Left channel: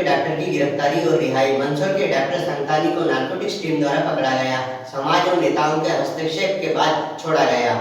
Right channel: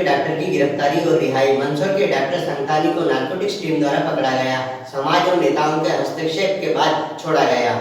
के डॉक्टर की गिरफ्तारी और रिहाई। मंदसौर के डॉक्टर संतानी को नारकोटिक्स टीम द्वारा पकड़ा गया। समाज और नेताओं के हस्तक्षेप के बाद छोड़ा गया।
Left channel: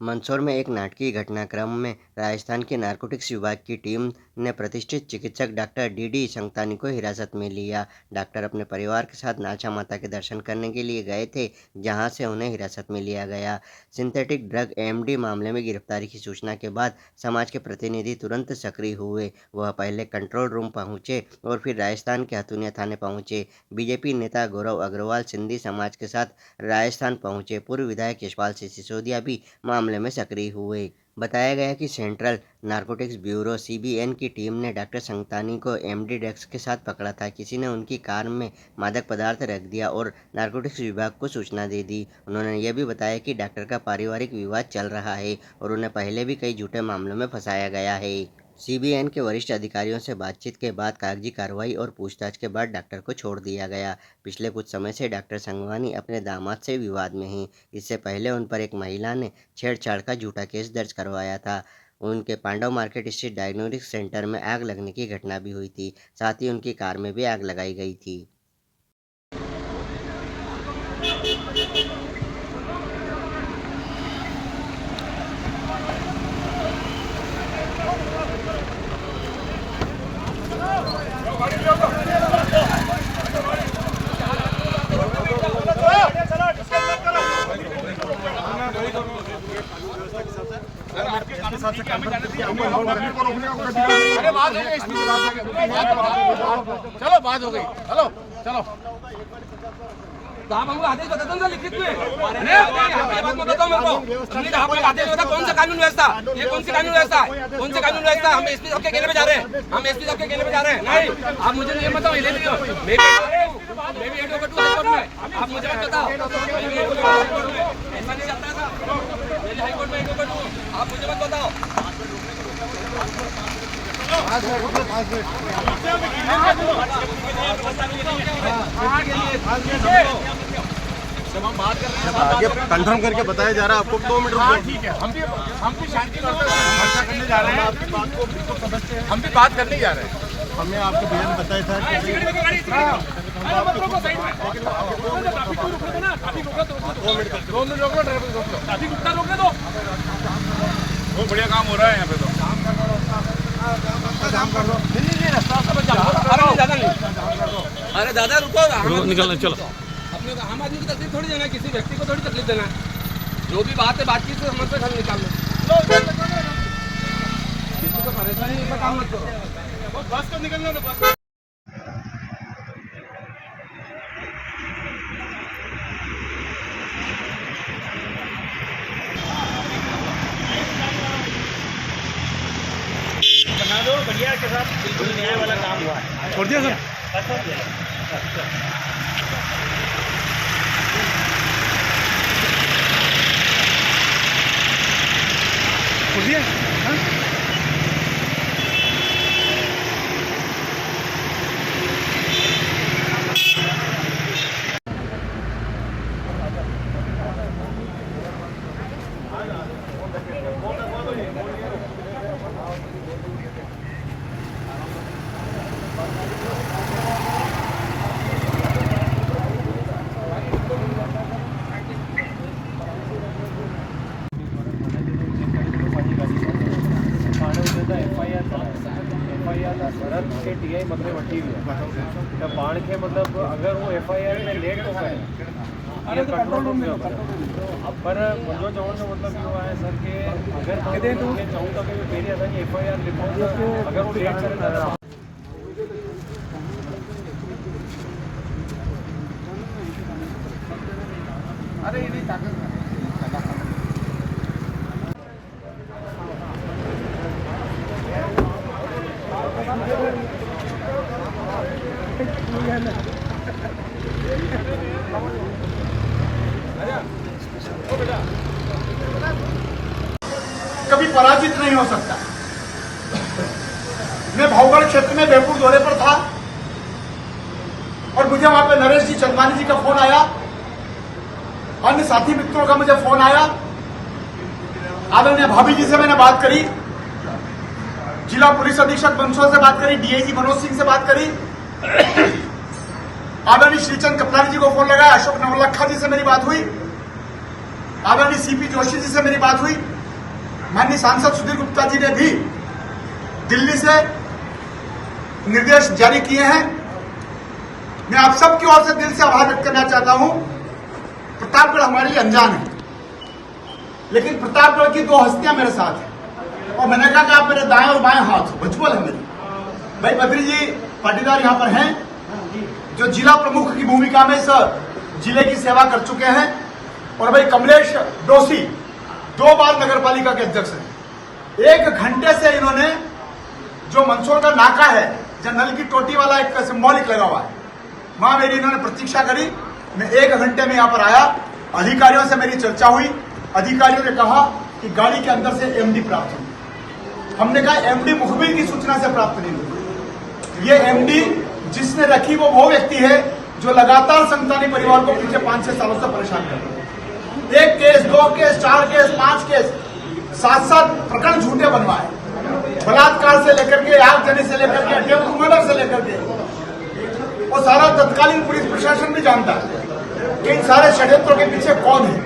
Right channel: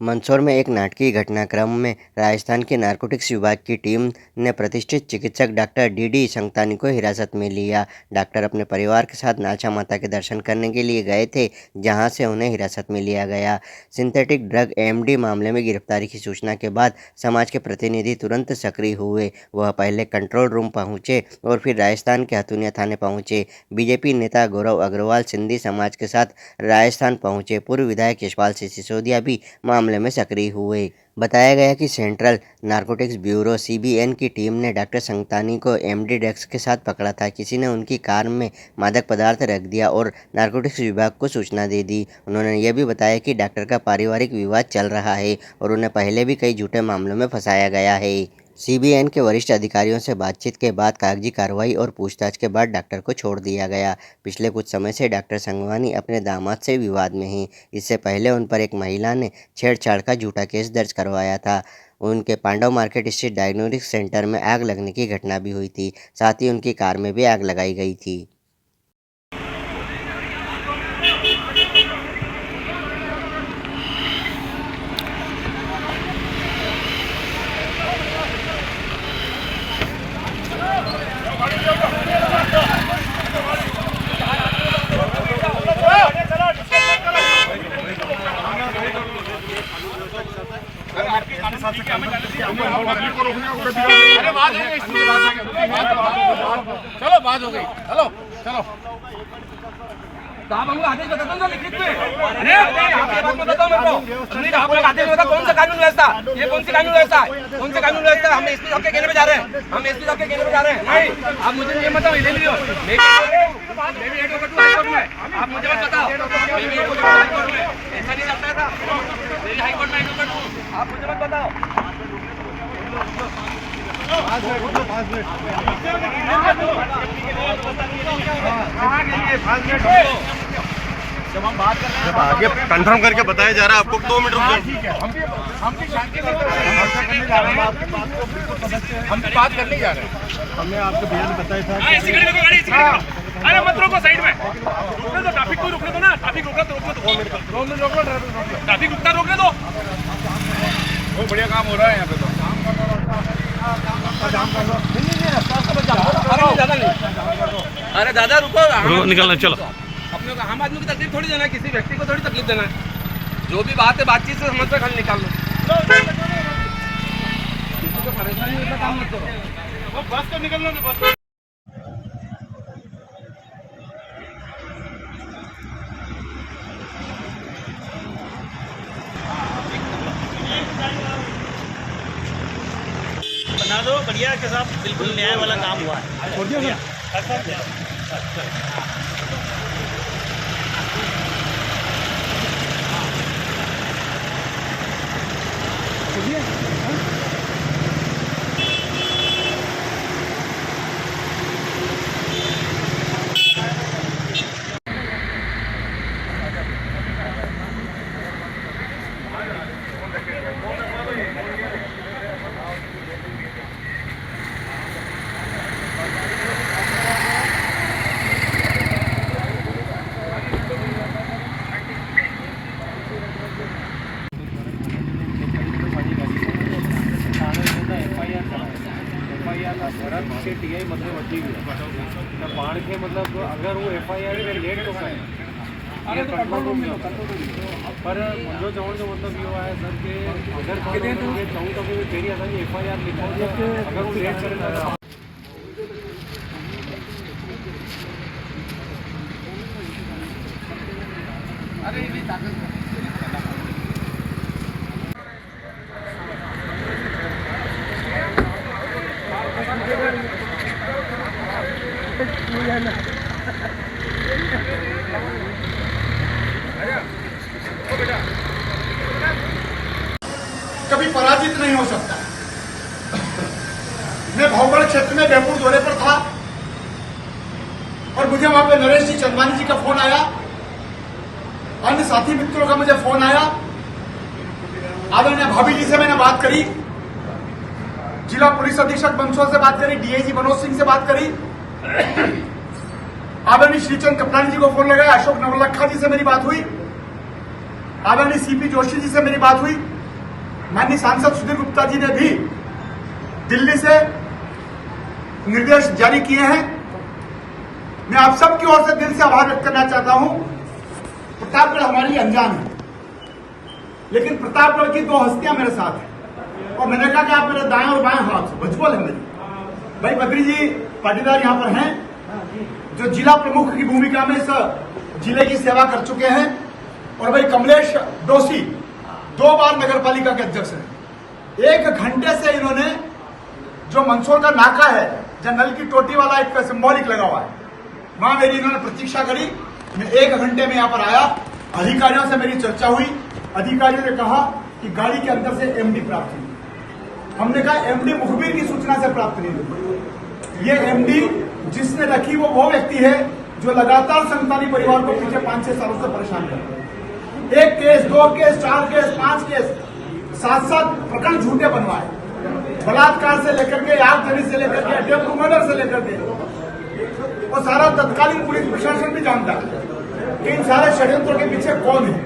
मंदसौर में एक नाटकीय घटनाक्रम में राजस्थान के नारकोटिक्स विभाग की टीम ने प्रतिष्ठित चिकित्सक डॉक्टर डी संतानी को हिरासत में लिया। डॉक्टर अपने परिवार के साथ नाचा माता के दर्शन करने के लिए गए थे, जहां से उन्हें हिरासत में लिया गया। सिंथेटिक ड्रग एमडी मामले में गिरफ्तारी की सूचना के बाद समाज के प्रतिनिधि तुरंत सक्रिय हुए। वह पहले कंट्रोल रूम पहुंचे और फिर राजस्थान के हथुनिया थाने पहुंचे। बीजेपी नेता गौरव अग्रवाल सिंधी समाज के साथ राजस्थान पहुंचे। पूर्व विधायक यशपाल सिंह सिसोदिया भी मामले में सक्रिय हुए। बताया गया कि सेंट्रल नारकोटिक्स ब्यूरो सीबीएन की टीम ने डॉक्टर संतानी को एमडी ड्रग्स के साथ पकड़ा था। किसी ने उनकी कार में मादक पदार्थ रख दिया और नारकोटिक्स विभाग को सूचना दे दी। उन्होंने यह भी बताया कि डॉक्टर का पारिवारिक विवाद चल रहा है और उन्हें पहले भी कई झूठे मामलों में फंसाया गया है। सीबीएन के वरिष्ठ अधिकारियों से बातचीत के बाद कागजी कार्रवाई और पूछताछ के बाद डॉक्टर को छोड़ दिया गया। पिछले कुछ समय से डॉक्टर संगवानी अपने दामाद से विवाद में हैं। इससे पहले उन पर एक महिला ने छेड़छाड़ का झूठा केस दर्ज करवाया था। उनके पांडव मार्केट स्थित डायग्नोस्टिक सेंटर में आग लगने की घटना भी हुई थी। साथ ही उनकी कार में भी आग लगाई गई थी। चलो बात हो गई। हेलो चलो तो आप हमको आदेश बता दो ना लिखित में। बताओ मेरे को आप लोग आदेश बता कौन सा कानून व्यवस्था, ये कौन सी कानून व्यवस्था, कौन सा कानून व्यवस्था। हम एसपी साहब के कहने पे जा रहे हैं, हम एसपी साहब के कहने पे जा रहे हैं। नहीं आप मुझे ये बताओ, मैं भी एडवोकेट हूं हाईकोर्ट में, आप मुझे मत बताओ। मैं भी एडवोकेट हूं हाईकोर्ट में, ऐसा नहीं चलता था। मैं हाईकोर्ट में एडवोकेट हूं, आप मुझे मत बताओ। जब हम बात कर रहे हैं ये कंफर्म करके बताया जा रहा है आपको 2 मिनट। हाँ ठीक है, हम भी शांति करते हुए चर्चा करने जा रहे हैं। आपकी बात को बिल्कुल समझते हैं, हम भी बात करने जा रहे हैं। हमने आपको बयान बताया था अरे मत रोको, साइड में रोकने दो, ट्रैफिक को रोकने दो ना, ट्रैफिक रोकने दो, ट्रैफिक रोक लो, ट्रैफिक रुकना रोकने दो। बहुत बढ़िया काम हो रहा है यहाँ पे तो। जाम कर दो रास्ता, जाम कर दो। नहीं अरे दादा रुको, निकलना चलो। अपने को आम आदमी की तकलीफ थोड़ी देना है, किसी व्यक्ति को थोड़ी तकलीफ देना है। जो भी बात है बातचीत से समझ कर हल निकाल लो। किसी को परेशानी होता काम मत करो। वो बस तो निकलने दो, बस। बना दो बढ़िया के साथ, बिल्कुल न्याय वाला काम हुआ है। छोड़ दिया सर। छोड़ दिया टीआई मतलब वठी हुई है पाण के मतलब अगर वो एफआईआर में लेट तो है ये कंट्रोल रूम में पर मुझे चवण जो मतलब इहो आहे सर कि अगर चऊं तो कि पहिरीं असांजी एफआईआर लिखो अगर वो लेट करे अरे ये ताकत कभी पराजित नहीं हो सकता। मैं भाऊगढ़ क्षेत्र में बेहपुर दौरे पर था और मुझे वहां पे नरेश जी चंदवानी जी का फोन आया, अन्य साथी मित्रों का मुझे फोन आया। आदरणीय भाभी जी से मैंने बात करी जिला पुलिस अधीक्षक मंदसौर से बात करी, डीआईजी मनोज सिंह से बात करी, आदरणीय श्रीचंद कपलानी जी को फोन लगाया, अशोक नवलखा जी से मेरी बात हुई, आदरणीय सीपी जोशी जी से मेरी बात हुई, माननीय सांसद सुधीर गुप्ता जी ने भी दिल्ली से निर्देश जारी किए हैं। मैं आप सबकी ओर से दिल से आभार व्यक्त करना चाहता हूं। प्रतापगढ़ हमारे लिए अनजान है, लेकिन प्रतापगढ़ की 2 हस्तियां मेरे साथ हैं और मैंने कहा कि आप मेरे दाएं और बाएं हाथ भुजबल है मेरे। भाई बद्री जी पाटीदार यहां पर हैं, जो जिला प्रमुख की भूमिका में इस जिले की सेवा कर चुके हैं, और भाई कमलेश डोसी 2 बार नगर पालिका के अध्यक्ष हैं। 1 घंटे से इन्होंने जो मंदसौर का नाका है, जहां नल की टोटी वाला एक सिंबॉलिक लगा हुआ है, वहां मेरी इन्होंने प्रतीक्षा करी। मैं 1 घंटे में यहां पर आया, अधिकारियों से मेरी चर्चा हुई। अधिकारियों ने कहा कि गाड़ी के अंदर से एमडी प्राप्त हुई। हमने कहा एमडी मुखबिर की सूचना से प्राप्त नहीं हुई। ये एमडी जिसने रखी वो व्यक्ति है जो लगातार संतानी परिवार को पिछले 5-6 सालों से परेशान कर रहा है। 1 केस, 2 केस, 4 केस, 5 केस, 7-7 प्रकरण झूठे बनवाए, बलात्कार से लेकर के, आगजनी से लेकर के, टेम्पू मर्डर से लेकर के, वो सारा तत्कालीन पुलिस प्रशासन भी जानता है कि इन सारे षड्यंत्रों के पीछे कौन है।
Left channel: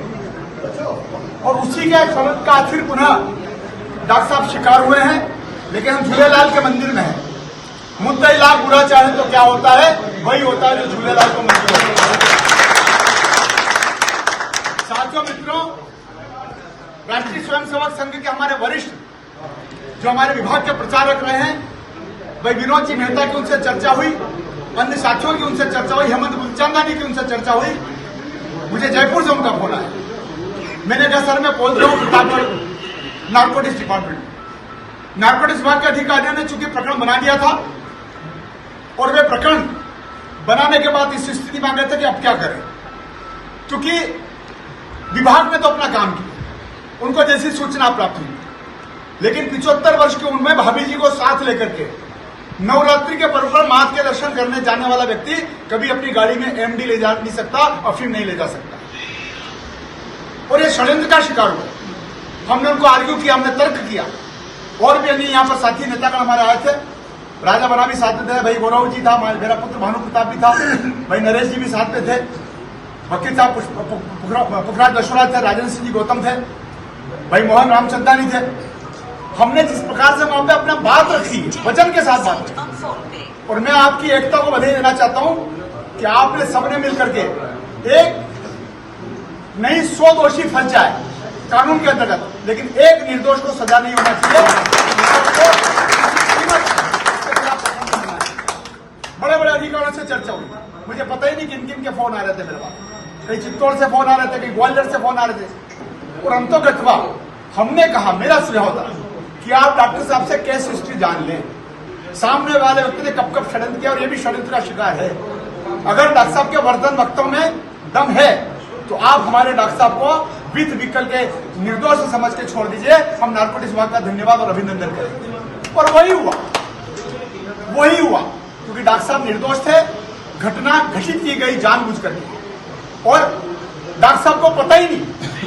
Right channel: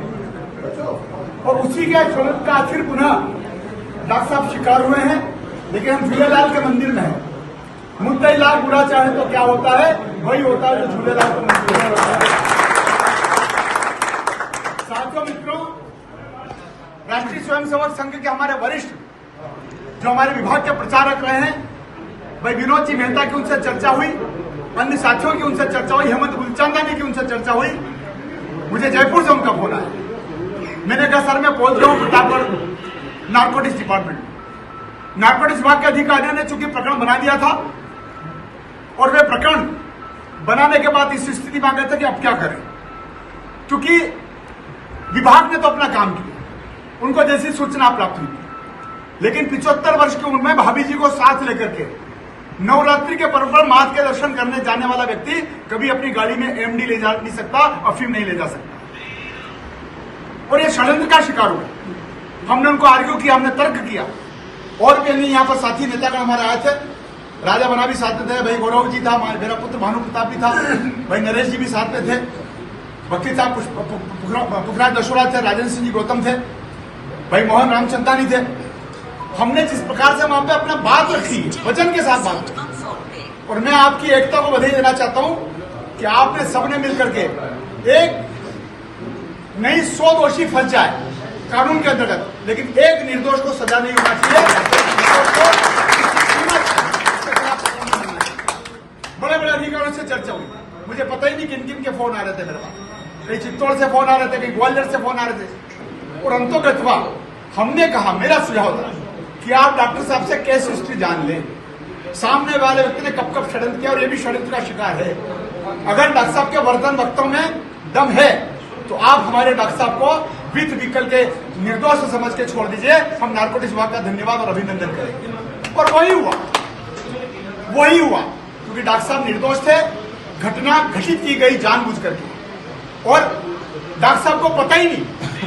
और उसी के स्वरूप का फिर पुनः डॉक्टर साहब शिकार हुए हैं, लेकिन हम झूलेलाल के मंदिर में हैं। मुद्दा लाख बुरा चाहे तो क्या होता है, वही होता है जो झूलेलाल को मंदिर होता है। साथियों, मित्रों, राष्ट्रीय स्वयंसेवक संघ के हमारे वरिष्ठ जो हमारे विभाग के प्रचारक रहे हैं, भाई विनोद जी मेहता की उनसे चर्चा हुई, अन्य साथियों की उनसे चर्चा हुई, हेमंत गुलचंदानी की उनसे चर्चा हुई। मुझे जयपुर से उनका फोन आया। मैंने कहा सर मैं पहुंच रहा हूं प्रतापगढ़ नारकोटिक्स डिपार्टमेंट। नारकोटिक्स विभाग के अधिकारियों ने चूंकि प्रकरण बना दिया था और वे प्रकरण बनाने के बाद इस स्थिति में आ गए थे कि अब क्या करें, क्योंकि विभाग ने तो अपना काम किया, उनको जैसी सूचना प्राप्त हुई, लेकिन 75 वर्ष की उम्र में भाभी जी को साथ लेकर के नवरात्रि के पर्व पर मां के दर्शन करने जाने वाला व्यक्ति कभी अपनी गाड़ी में एमडी ले जा नहीं सकता, अफीम नहीं ले जा सकता। और ये षड्यंत्र का शिकार हुआ। हमने उनको आर्ग्यू किया, हमने तर्क किया, और भी अन्य यहाँ पर साथी नेतागण हमारे आए थे। राजा बना भी साथ में थे, भाई गौरव जी था, मेरा पुत्र भानु प्रताप भी था, भाई नरेश जी भी साथ में थे, वकील साहब पुखराज दशोरा थे, राजेंद्र सिंह जी गौतम थे, भाई मोहन रामचंदानी थे। हमने जिस प्रकार से वहां पे अपना बात रखी, वचन के साथ बात रखी, और मैं आपकी एकता को बधाई देना चाहता हूं कि आपने सबने मिलकर के एक नहीं 100 दोषी फंस जाए कानून के अंतर्गत, लेकिन एक निर्दोष को सजा नहीं होना चाहिए। बड़े बड़े अधिकारियों से चर्चा हुई, मुझे पता ही नहीं किन किन के फोन आ रहे थे मेरे पास, कहीं चित्तौड़ से फोन आ रहे थे, कहीं ग्वालियर से फोन आ रहे थे, और अंतोगतवा हमने कहा, मेरा सुझाव था कि आप डॉक्टर साहब से केस हिस्ट्री जान लें, सामने वाले व्यक्ति ने कब कब षड्यंत्र किया, और ये भी षड्यंत्र का शिकार है। अगर डॉक्टर साहब के वर्तन वक्तों में दम है तो आप हमारे डॉक्टर साहब को वित्त विकल के निर्दोष समझ के छोड़ दीजिए। हम नारकोटिक्स विभाग का धन्यवाद और अभिनंदन करेंगे। और वही हुआ, क्योंकि डॉक्टर साहब निर्दोष थे, घटना घटित की गई जानबूझ करके, और डॉक्टर साहब को पता ही नहीं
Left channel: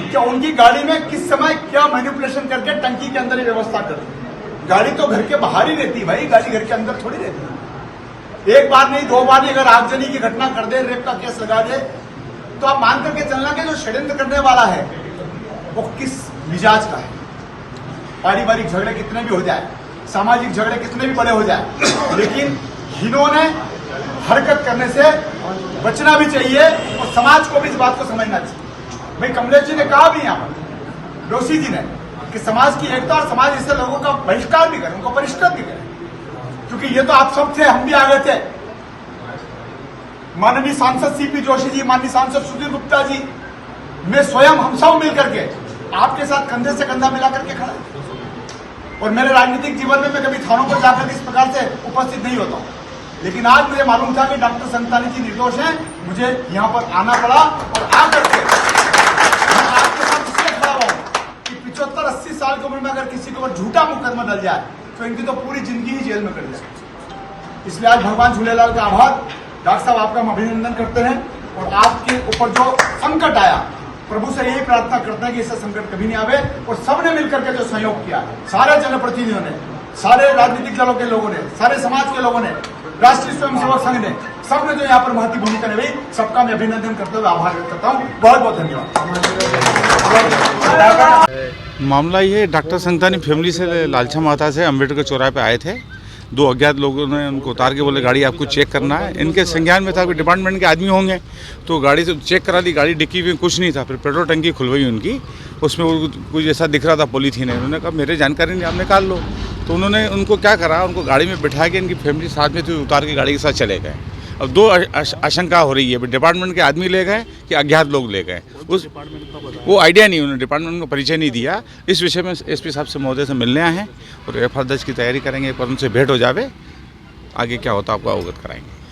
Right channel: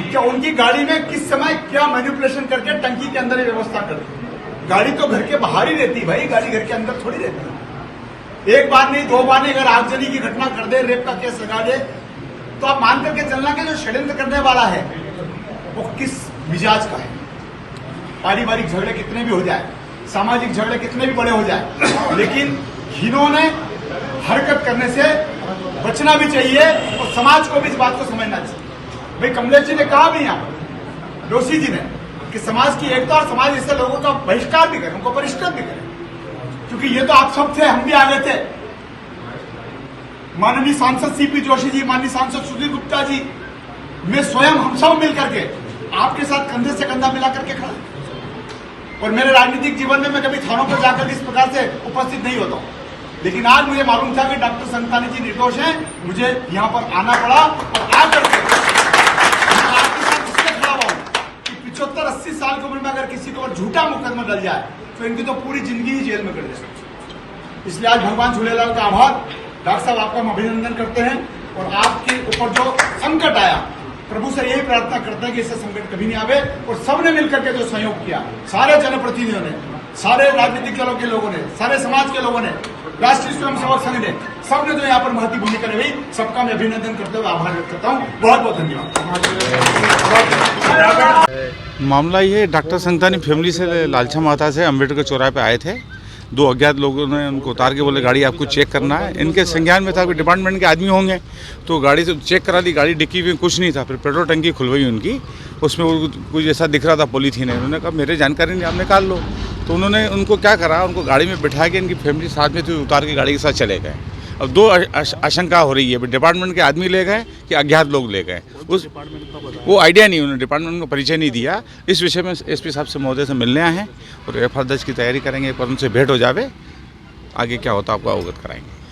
कि उनकी गाड़ी में किस समय क्या मैनिपुलेशन करके टंकी के अंदर ये व्यवस्था कर दी। गाड़ी तो घर के बाहर ही रहती है भाई, गाड़ी घर के अंदर थोड़ी रहती है। 1 बार नहीं, 2 बार नहीं, अगर आगजनी की घटना कर दे, रेप का केस लगा दे, तो आप मान करके चलना कि जो षड्यंत्र करने वाला है वो किस मिजाज का है। पारिवारिक झगड़े कितने भी हो जाए, सामाजिक झगड़े कितने भी बड़े हो जाए, लेकिन इन्होंने हरकत करने से बचना भी चाहिए, और समाज को भी इस बात को समझना चाहिए। भाई कमलेश जी ने कहा भी यहाँ पर, जोशी जी ने, कि समाज की एकता और समाज ऐसे लोगों का बहिष्कार भी करें, उनको परिष्कृत भी करें, क्योंकि ये तो आप सब थे, हम भी आ गए थे। माननीय सांसद सीपी जोशी जी, माननीय सांसद सुधीर गुप्ता जी, मैं स्वयं, हम सब मिलकर के आपके साथ कंधे से कंधा मिलाकर के खड़ा है। और मेरे राजनीतिक जीवन में मैं कभी थानों पर जाकर इस प्रकार से उपस्थित नहीं होता हूं, लेकिन आज मुझे मालूम था कि डॉक्टर संतानी जी निर्दोष हैं, मुझे यहां पर आना पड़ा, और आकर के मैं आपके साथ इसलिए खड़ा हुआ कि 75-80 साल की उम्र में अगर किसी को झूठा मुकदमा डल जाए तो इनकी तो पूरी जिंदगी ही जेल में कट जाए। इसलिए आज भगवान झूलेलाल का आभार। डॉक्टर साहब आपका हम अभिनंदन करते हैं, और आपके ऊपर जो संकट आया, प्रभु से यही प्रार्थना करते हैं कि इससे संकट कभी नहीं आवे, और सबने मिलकर के जो सहयोग किया, सारे जनप्रतिनिधियों ने, सारे राजनीतिक दलों के लोगों ने, सारे समाज के लोगों ने, राष्ट्रीय स्वयंसेवक संघ ने, सबने जो यहाँ पर महत्वपूर्ण भूमिका निभाई, सबका मैं अभिनंदन करते हुए आभार व्यक्त करता हूँ। बहुत बहुत धन्यवाद। मामला ये डॉक्टर संतानी फैमिली से लालछा माता से अम्बेडकर चौराहे पे आए थे। 2 अज्ञात लोगों ने उनको उतार के बोले गाड़ी आपको चेक करना है। इनके संज्ञान में था कि डिपार्टमेंट के आदमी होंगे, तो गाड़ी से चेक करा दी। गाड़ी डिक्की में कुछ नहीं था। फिर पेट्रोल टंकी खुलवाई उनकी, उसमें कुछ ऐसा दिख रहा था पॉलीथीन है। उन्होंने कहा मेरे जानकारी नहीं, आप निकाल लो। तो उन्होंने उनको क्या करा, उनको गाड़ी में बिठा के, इनकी फैमिली साथ में थी, उतार के गाड़ी के साथ चले गए। अब 2 आशंका हो रही है, डिपार्टमेंट के आदमी ले गए कि अज्ञात लोग ले गए, उस वो आइडिया नहीं, उन्होंने डिपार्टमेंट को परिचय नहीं दिया। इस विषय में एसपी साहब से महोदय से मिलने आए हैं और एफआईआर दर्ज की तैयारी करेंगे, पर उनसे भेंट हो जावे, आगे क्या होता आपको अवगत कराएंगे।